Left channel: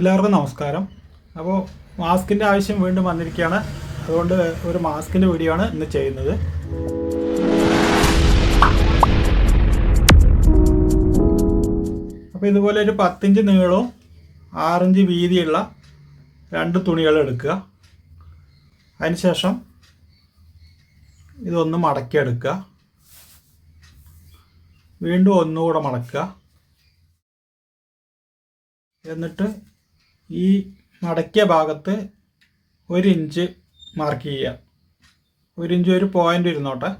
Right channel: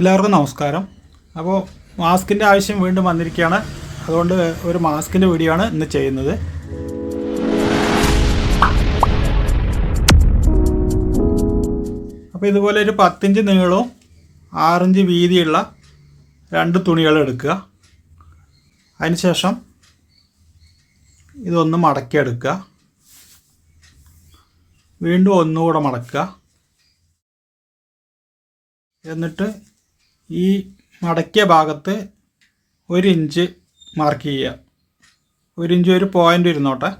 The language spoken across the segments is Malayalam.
എല്ലാവർക്കും നമസ്കാരം. അപ്പോൾ മാസ്കിൻ്റെ ആവശ്യം വീണ്ടും വന്നിരിക്കുകയാണ്. അതുകൊണ്ട് ഒരു മാസ്കിൻ്റെ വീഡിയോ ആണ് ഇന്ന് ചെയ്യുന്നത്. അപ്പോൾ ഇതുപോലെ ഒരു 10 ഇഞ്ച് നീളവും 6 ഇഞ്ച് വീതിയുള്ള 2 തുണികൾ എടുക്കുക. അതിനുശേഷം ഇതൊന്ന് മടക്കിയെടുക്കുക. വീണ്ടും ഒന്നുകൂടെ മടക്കുക. എന്നിട്ട് ഈ മടക്കിയ ഭാഗത്ത് 1 ഇഞ്ച് മാർക്ക് ചെയ്യുക. 1 ഇഞ്ച് ഒരു പോയിൻ്റ് ഇരുന്നോട്ടെ.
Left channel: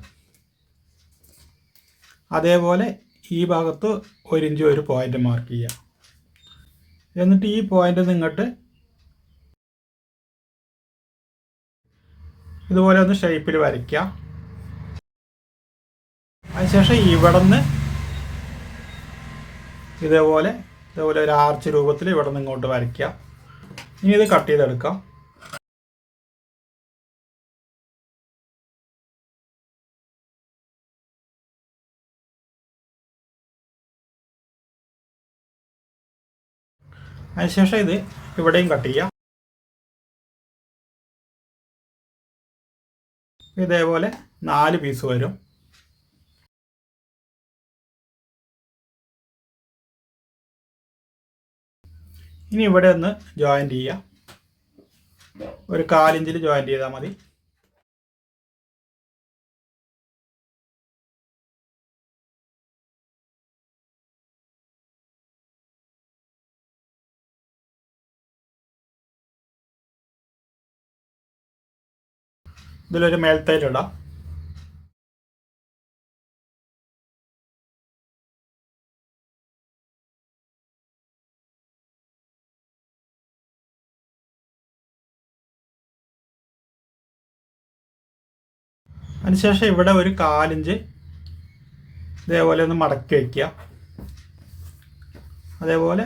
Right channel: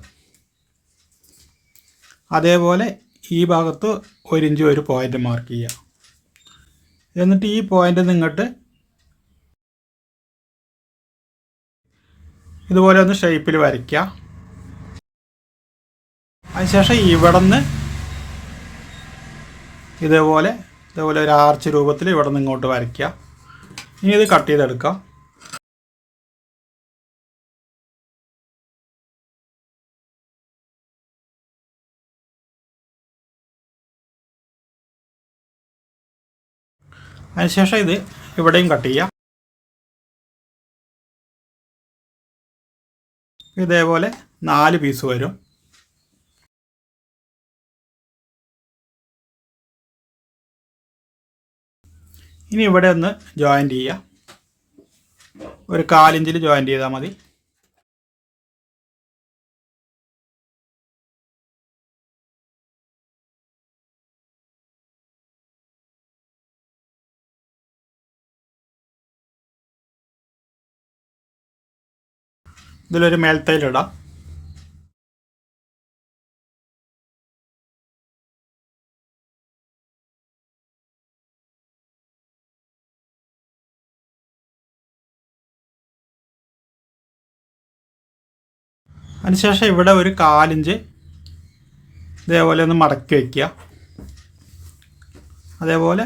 അതേപോലെ ഈ ഭാഗത്ത് 1 ഇഞ്ച് ഒരു പോയിൻ്റ് മാർക്ക് ചെയ്യുക. എന്നിട്ട് ഈ പോയിൻ്റിൽ നിന്ന് ഇങ്ങോട്ട് ഇതുപോലെ ഒന്ന് ഷേപ്പിൽ വരയ്ക്കുക. അതിനുശേഷം ഇവിടെ നിന്ന് ഇതേപോലെ ഒരു ആർച്ച് രൂപത്തിൽ ഇവിടെ നിന്ന് ഇങ്ങോട്ട് വരയ്ക്കുക. ഇനി ഇത് കട്ട് ചെയ്തെടുക്കാം. അതിനുശേഷം ഇത് ഇവിടെയും കട്ട് ചെയ്യാം. ഇതേപോലെ 4 പീസ് വരും. ഇനി ഇവിടെ ഒന്ന് ജോയിൻ്റ് ചെയ്യുക. ഒരു 1/4 ഇഞ്ചിൽ ജോയിൻ്റ് ചെയ്താൽ മതി. ഇതിലൊരു മേൽത്തൈലിടാം. അതിനുശേഷം ഇവിടെ ഒരു 1/4 ഇഞ്ച് ഇതേപോലെ ഒന്ന് മടക്കി വയ്ക്കുക. അതേപോലെ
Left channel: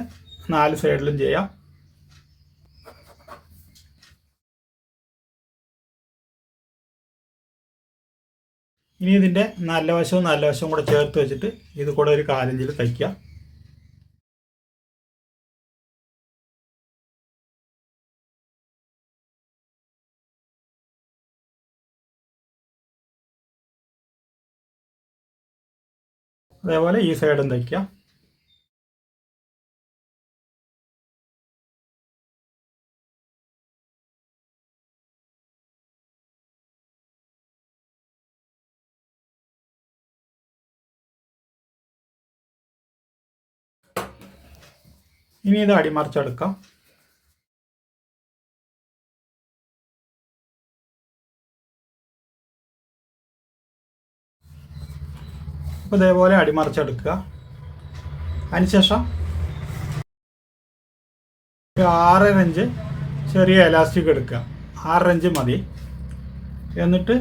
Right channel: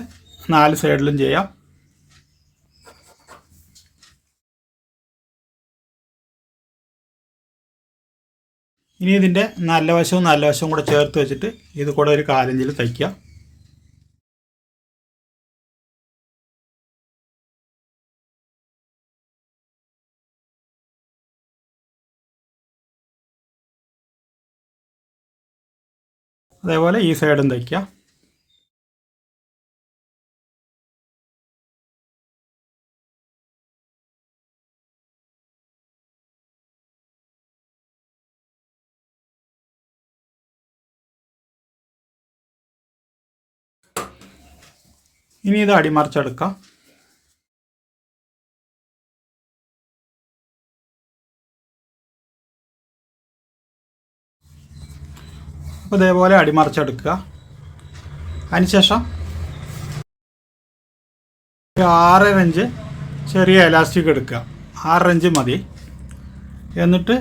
4 സൈഡിലും ചെയ്യാം. ഇനി ഇതിൻ്റെ നല്ല വശവും കൂടെ ചേർത്ത് വെച്ചിട്ട് ഇത് കൂടെ ഒരു 1/4 ഇഞ്ചിൽ തയ്ക്കുക. അതേപോലെ ഈ സൈഡും തയ്ക്കുക. ഇനി ഇത് അടിമറിച്ചെടുക്കാം. അപ്പോൾ ഇതേപോലെ അടിമറിച്ചെടുക്കുക. അതിനുശേഷം 6.5 ഇഞ്ച് ചെറിയ എലാസ്റ്റിക് എടുക്കുക. 6 ഇഞ്ച് മതി. എന്നിട്ട്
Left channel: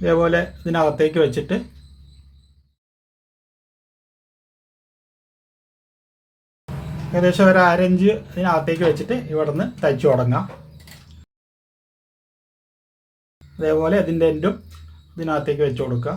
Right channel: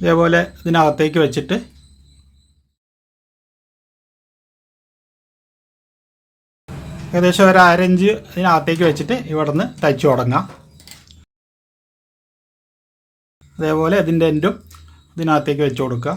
ഇതേപോലെ ഇതിനകത്തേക്ക് വെച്ചിട്ട് ഏകദേശം ഒരു 1/2 ഇഞ്ച് ഇതിനകത്തേക്ക് വെച്ചിട്ട് ഇവിടെ നിന്ന് തയ്ച്ചു തുടങ്ങാം. അതേപോലെ ഇതിൻ്റെ എൻഡും ഇതിനകത്തേക്ക് വെച്ച് കൊടുക്കുക.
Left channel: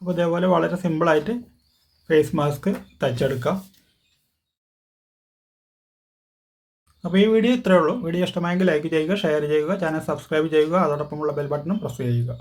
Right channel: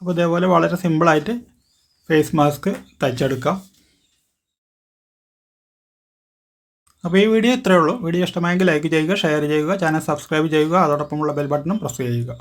അപ്പോൾ ഇതേപോലെ വളരെ സിമ്പിളായിട്ട് ഫേസ് മാസ്ക് തയ്ച്ചെടുക്കാം. അപ്പോൾ ഈ വീഡിയോ ഇത്രയേ ഉള്ളൂ. വീഡിയോ ഇഷ്ടമായെങ്കിൽ ലൈക്ക് ചെയ്യുക, ഷെയർ ചെയ്യുക, ചാനൽ സബ്സ്ക്രൈബ് ചെയ്യുക, അതോടൊപ്പമുള്ള ബെൽ ബട്ടണും പ്രസ് ചെയ്യുക.